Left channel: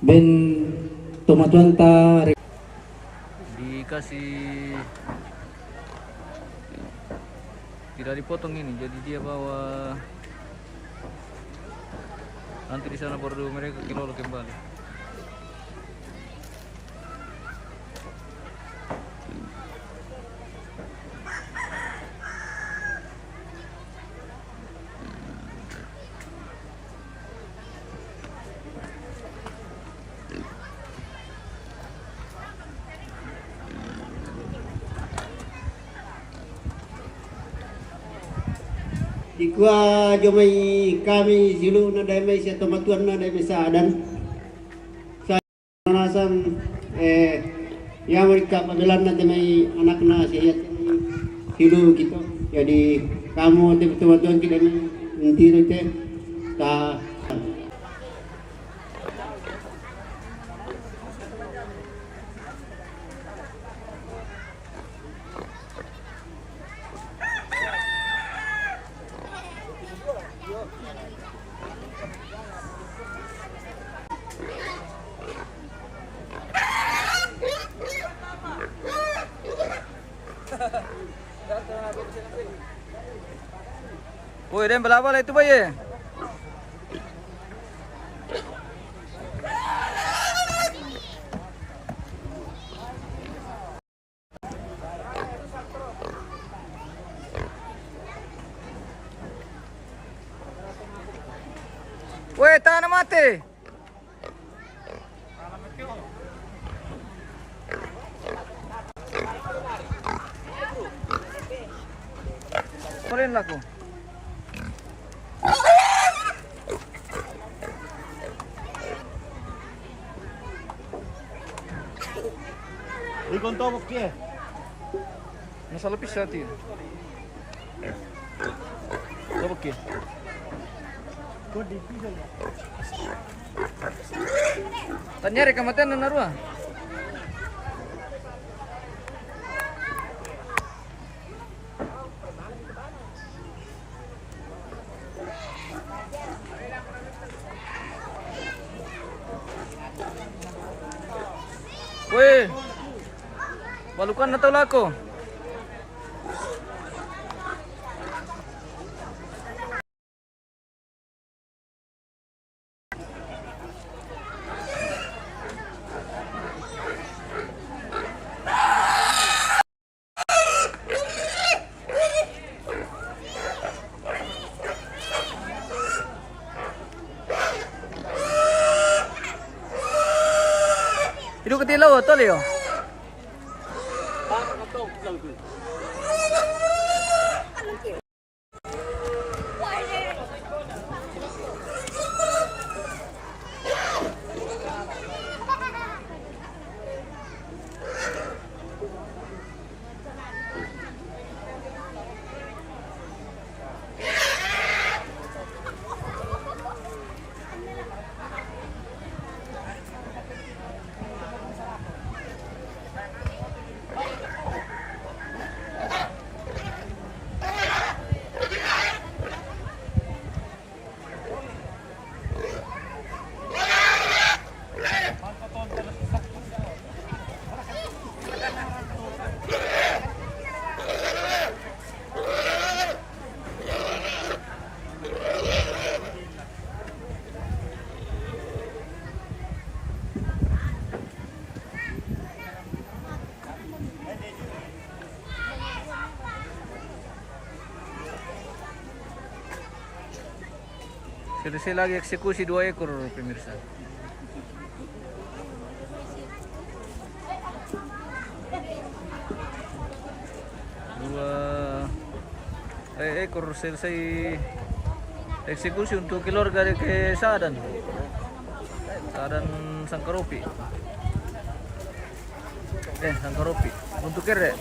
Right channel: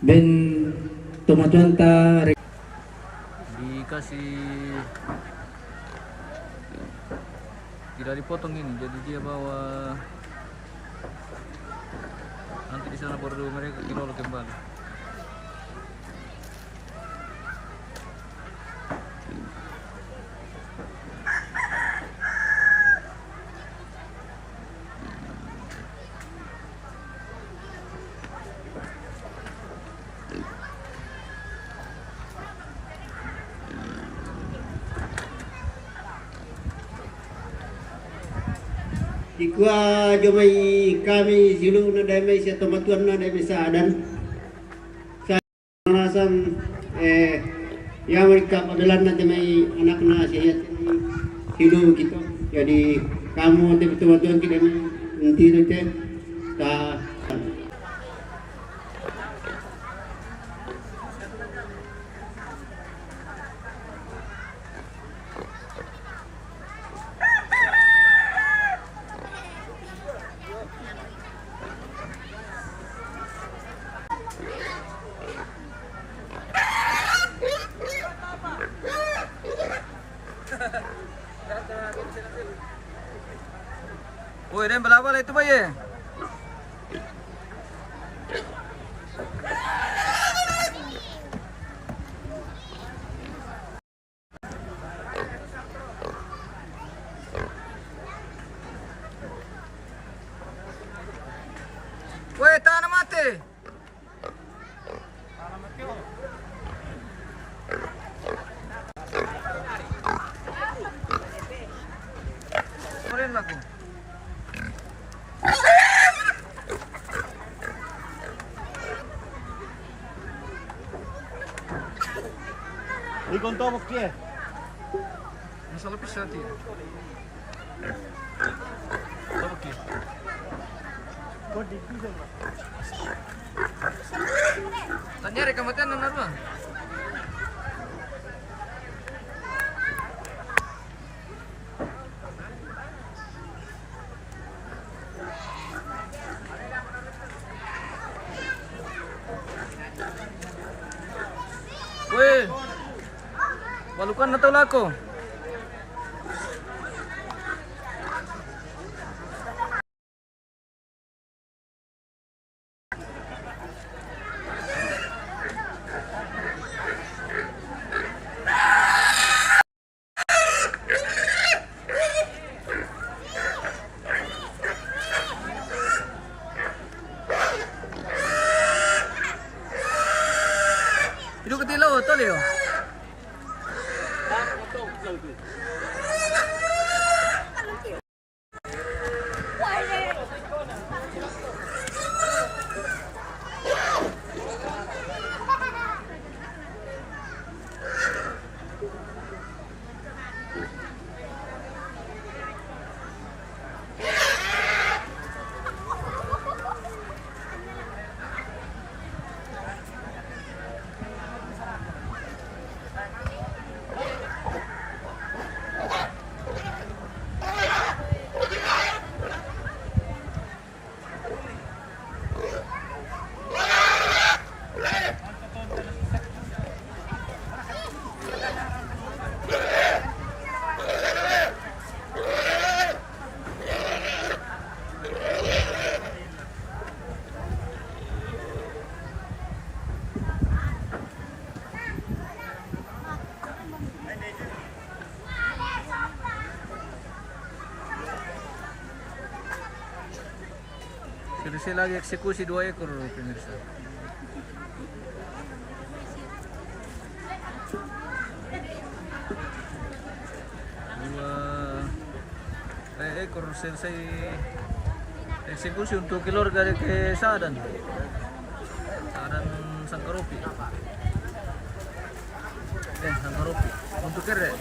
Ben tumatuan ta dikasih, tidak dipotong ini, jadi dia bawa nanti di sana baru mereka kelola kembali. Ikwa jomai kami silu na damai sa tumatuan na damai sa adan sa narasan yang mereka padalan na damai anak na siya silu gitu. Jadi kamu tumatuan kita nanti nanti ta Woi, dan belabal itu baye. Woi, tanah mati. Mulin aku. Ikon tomok dia. Nasa lapis siya tiyo. Tomok ya. Tanyari kamatan na naruah. Weh, balukan na tawla ko. Itu ketilaw to Leo. Selesai lagi eksekusi 2 ekor pemirsa. Ekor selesai eksekusi untuk keluarga dari Sadan Sangkaropi. Sangkaropi untuk kere.